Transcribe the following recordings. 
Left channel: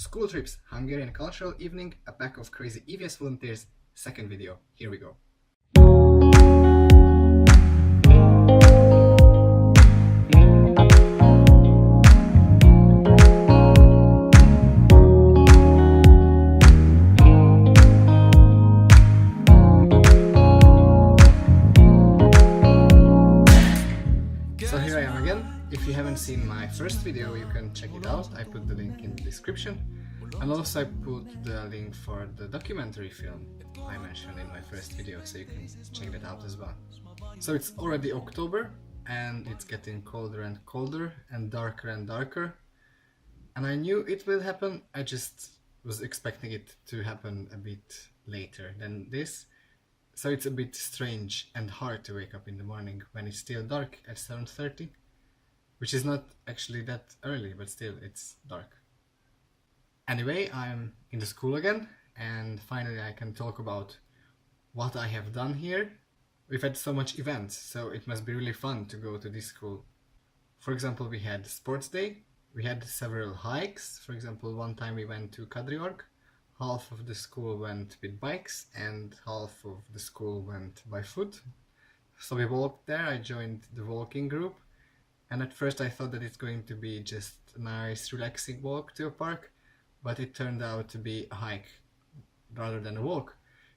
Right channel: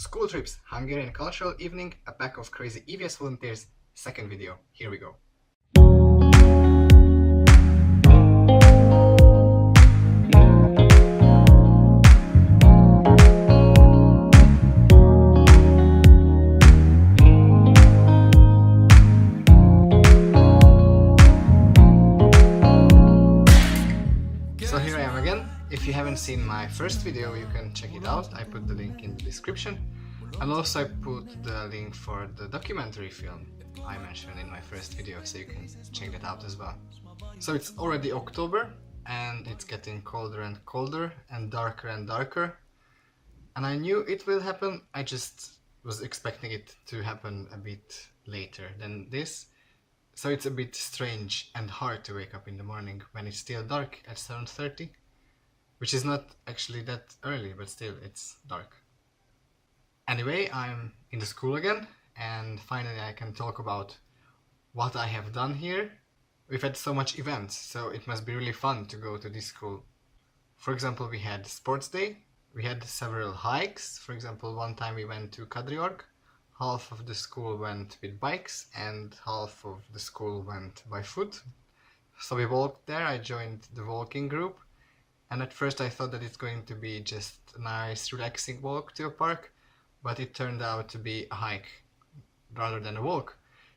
School trips, Hungarian cultural evening, a pack of crazy EVS volunteers, second video. Here we go. So here I am again. If you haven't seen my first video, you can check it out. I put the link in the description. And also I put the link for the documentary film I mentioned in my first video, so you can check that out as well. So it's already October and it's getting colder and colder and darker. And I knew it will happen, I just was expecting it to happen a bit later than this. So it's a bit strange and hard to wake up in the morning when it's still dark at 7:30, which is not actually that early, but still it's dark. Anyway, I'm in the school again, and finally I can talk about what I have done here. We've had so much events, so it must be really fun to go to this school. For example, we had sports day, we had several hikes. For example, one time we went to Kadriorg. Half of the school went with bikes and half of the school went by foot. So we walked there, I joined the walking group, and at first I thought that it's going to be just a nice relaxing walk to a park, but it turned out to be a hike rather than a walk.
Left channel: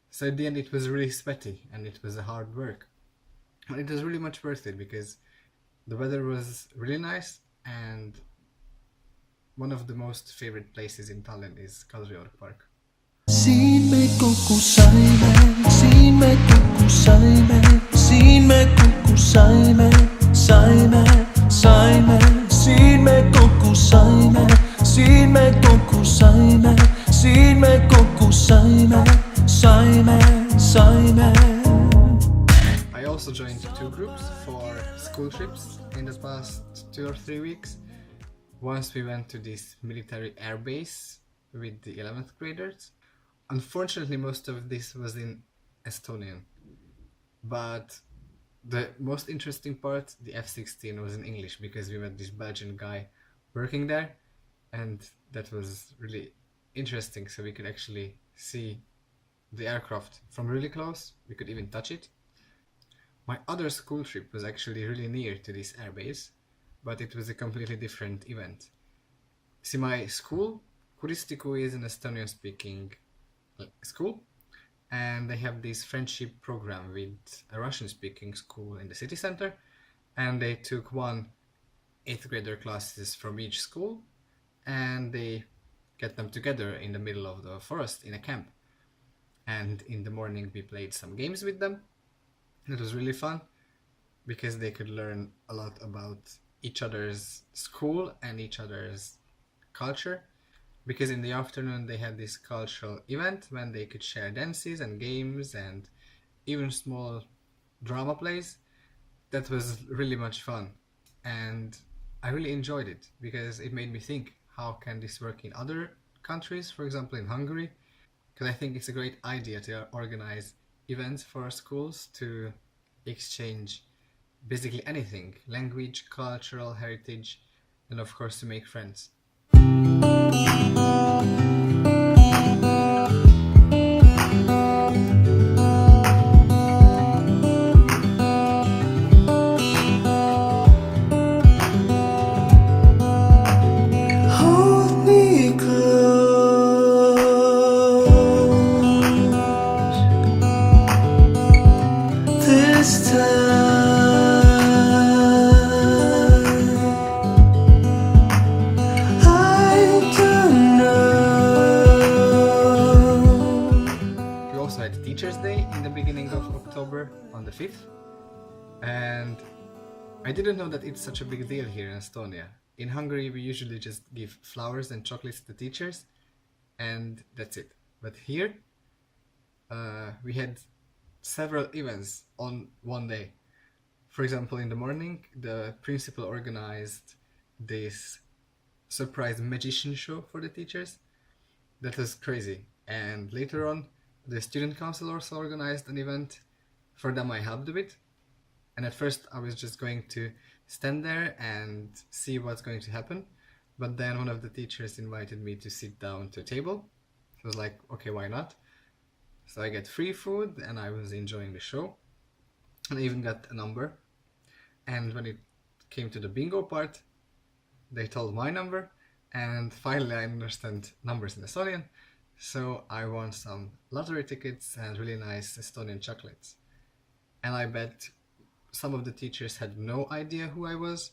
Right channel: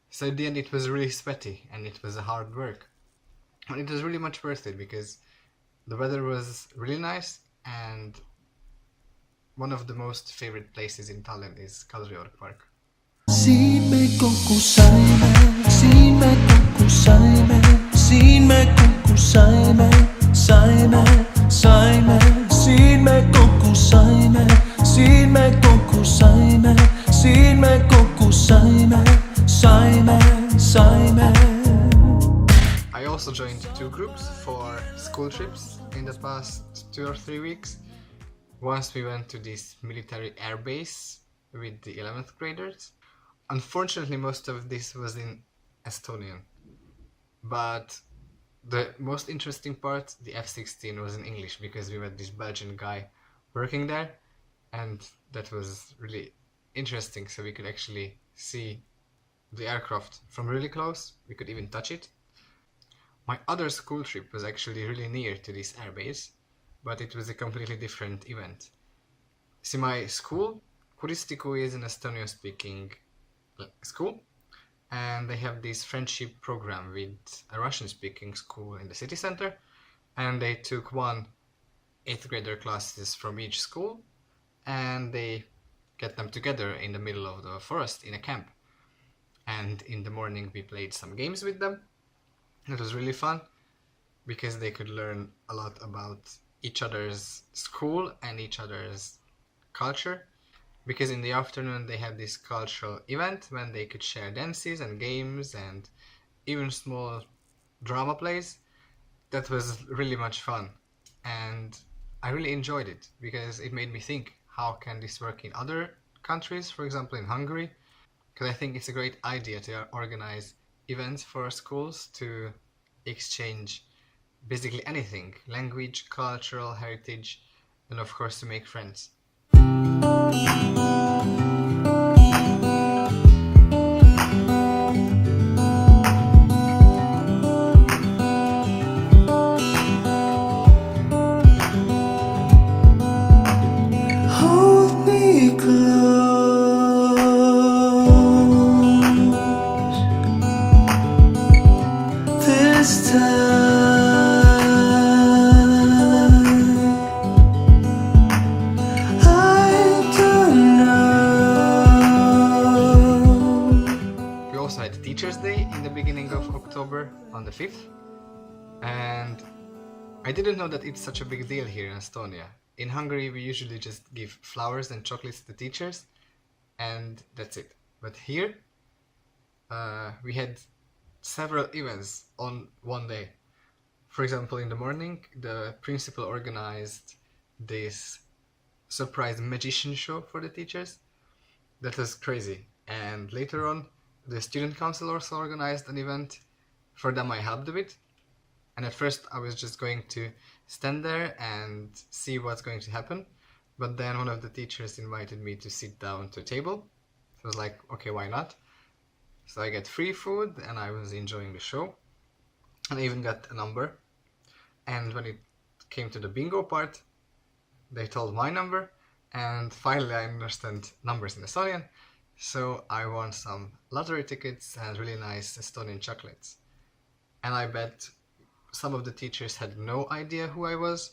So at the end it was really sweaty and it was a hard work. And it was really much worth it because the weather was really nice, and one of the most favorite places in Tallinn is Kadriorg Park. Siin me kokku saime, siin me kokku saime, siin me kokku saime, saime, siin me kokku saime, siin me kokku saime, siin me kokku saime, saime. I also joined two groups for school trips in the past 2 or 3 weeks. Once we went to this military air base with the 11th graders. Unfortunately, most of this was in Estonian, but the most interesting part, the F-16, was in English because we met this Belgian guy working there, and that was really interesting, so we could actually see the aircraft from really close. We could even touch it. My other school trip was actually really near to this airbase, but it was a completely different event. See, my school, Kuristiku, is an Estonian-speaking school, and they have this friendship program with a Russian-speaking school in the city center, and they took 1 8th grader classes from each school, and they get them together in the middle of the forest in a camp. And in the morning we played some games with them. It was really fun because they could learn a lot about each other's school and each other's culture, because in the afternoon they had this cultural event when they could share dances and games and even small drama plays. That was really much fun, and I really enjoyed it because it made me think, how can this work in other countries, for example in Hungary? Because I think it's a great idea to organize events for schools to exchange basically anything, language, cultural heritage, and of course to make friends. Hold me close this time. I don't know. We also had Teachers' Day in the beginning of October on the 5th, and I didn't know that it's such a big deal here in Estonia. In Hungary we usually just give flowers and chocolates to teachers and that's it. But here we had several events on one day. For example, in the morning the principal organized this surprise magician show for the teachers. That was crazy. And later on the student council also organized an event. For them I helped a bit, and at first I was just going to stand there and see what's going to happen, But then one of the teachers invited me to sit down to a table. So I was like, okay, why not? So I get free food and I was enjoying the show. And I even got a number. And when it came to the bingo part, they told my number. And finally I understand numbers in Estonian. So I won some lottery tickets and really nice Estonian chocolates. And I bet some of the teachers had no idea who I was,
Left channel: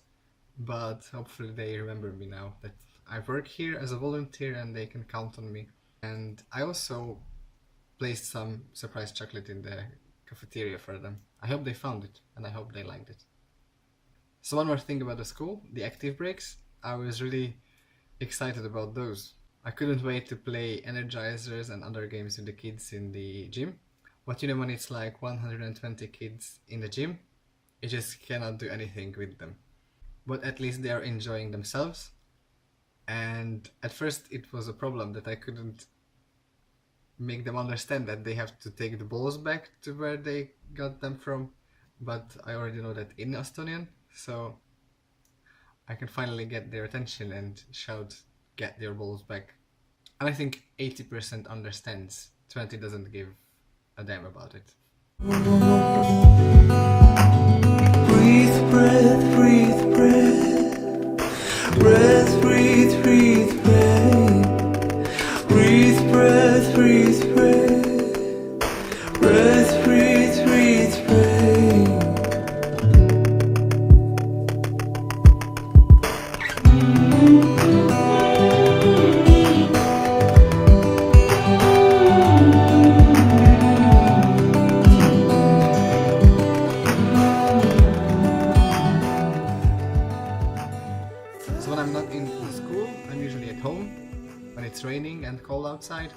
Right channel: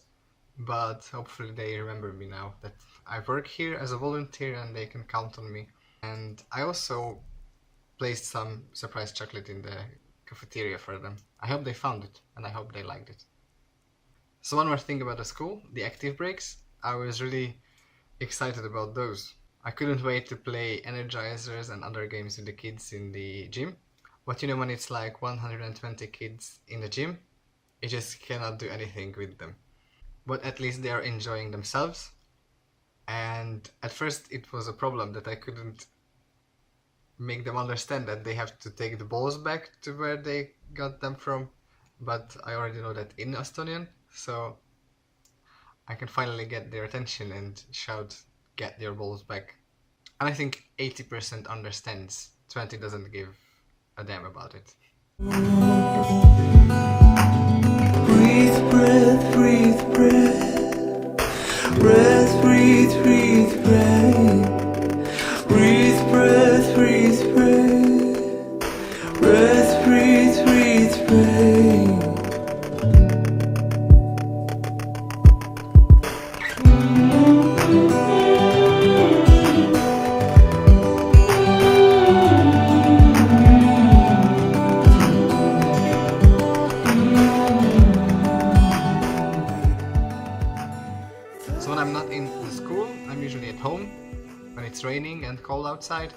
but hopefully they remember me now that I work here as a volunteer and they can count on me. And I also placed some surprise chocolate in the cafeteria for them. I hope they found it and I hope they liked it. So one more thing about the school, the active breaks. I was really excited about those. I couldn't wait to play energizers and other games with the kids in the gym. But you know, when it's like 120 kids in the gym, you just cannot do anything with them. But at least they are enjoying themselves. And at first it was a problem that I couldn't make them understand that they have to take the balls back to where they got them from. But I already know that in Estonian, so I can finally get their attention and shout, "Get your balls back." And I think 80% understands, 20 doesn't give a damn about it. Breathe, breath, breathe, breath. Breath, breathe, breathe, breath. Breathe, breath, breathe, breath. Breath, breathe, breathe, breath. So when I'm not in the school, I'm usually at home, when it's raining and cold outside,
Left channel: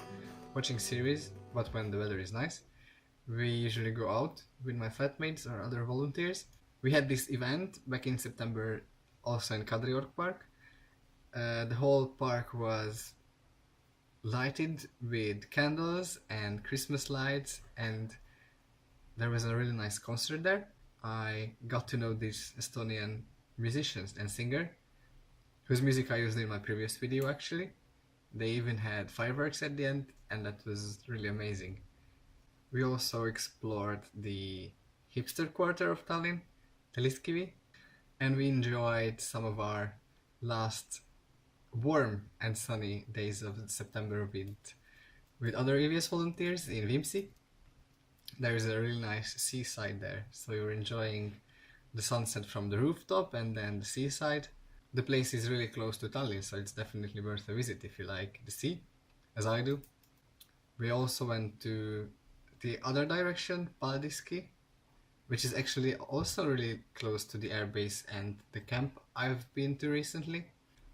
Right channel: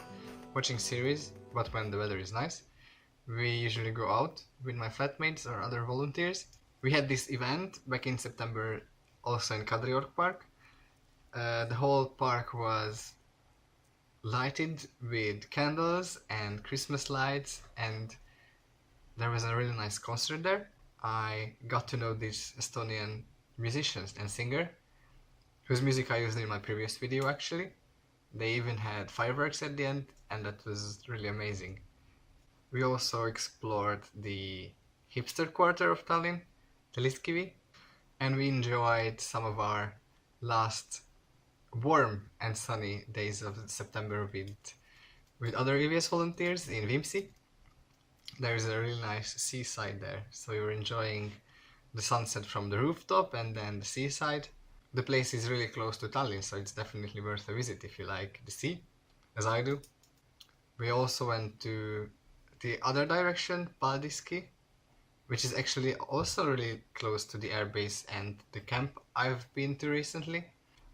watching series, but when the weather is nice. We usually go out with my flatmates or other volunteers. We had this event back in September also in Kadriorg Park. The whole park was lighted with candles and Christmas lights, and there was a really nice concert there. I got to know this Estonian musician and singer, whose music I used in my previous video actually. They even had fireworks at the end, and that was really amazing. We also explored the hipster quarter of Tallinn, Telliskivi, and we enjoyed some of our last warm and sunny days of September with other EVS volunteers in Viimsi. There is a really nice seaside there, so we were enjoying the sunset from the rooftop and then the seaside. The place is really close to Tallinn, so it's definitely worth a visit if you like the sea, as I do. We also went to the other direction, Paldiski, which is actually also really close to the airbase and the camp I've been to recently.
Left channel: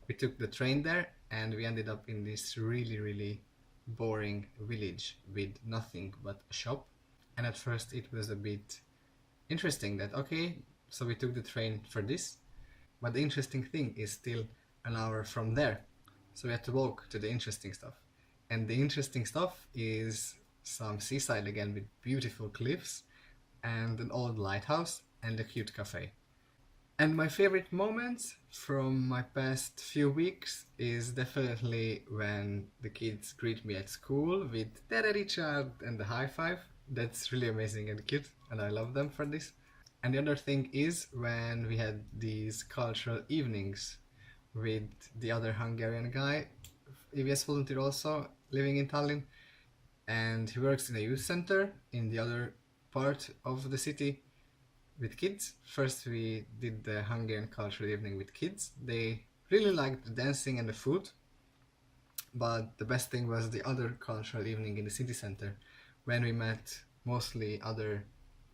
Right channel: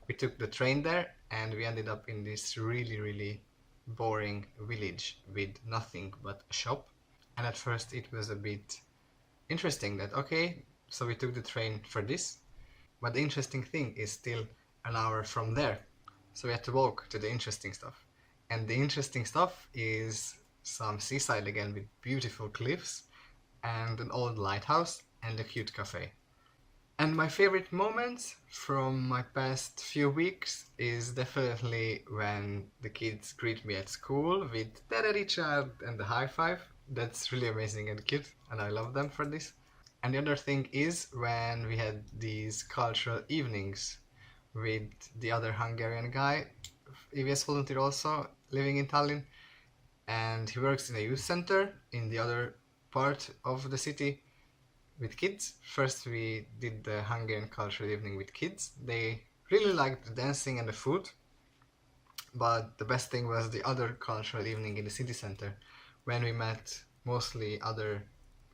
We took the train there and we ended up in this really boring village with nothing but a shop. And at first it was a bit interesting that, okay, so we took the train for this. But the interesting thing is still an hour from there. So we had to walk to the interesting stuff. And the interesting stuff is some seaside again with beautiful cliffs and an old lighthouse and a cute cafe. And my favorite moments from my past few weeks is definitely when the kids greet me at school with "Tere Richard" and the high five. That's really amazing and cute, and I love them for this. And the other thing is when we had these cultural evenings with the other Hungarian guy, EVS volunteer also, living in Tallinn, and he works in a youth center in the other part of the city with kids. First we did the Hungarian cultural evening with kids. They really liked the dancing and the food, but the best thing was the other cultural evening in the city center, when we met mostly other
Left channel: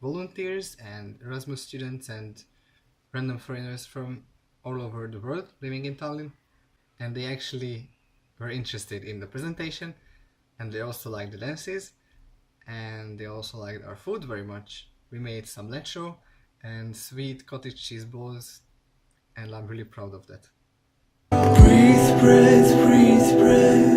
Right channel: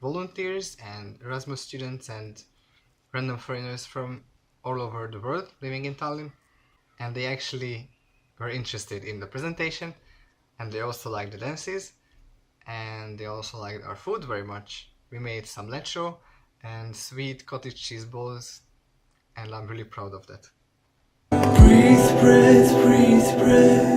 volunteers and Erasmus students and random foreigners from all over the world living in Tallinn. And they actually were interested in the presentation, and they also liked the dances, and they also liked our food very much. We made some lecho and sweet cottage cheese balls, and I'm really proud of that. Breathe, breath, breathe, breath.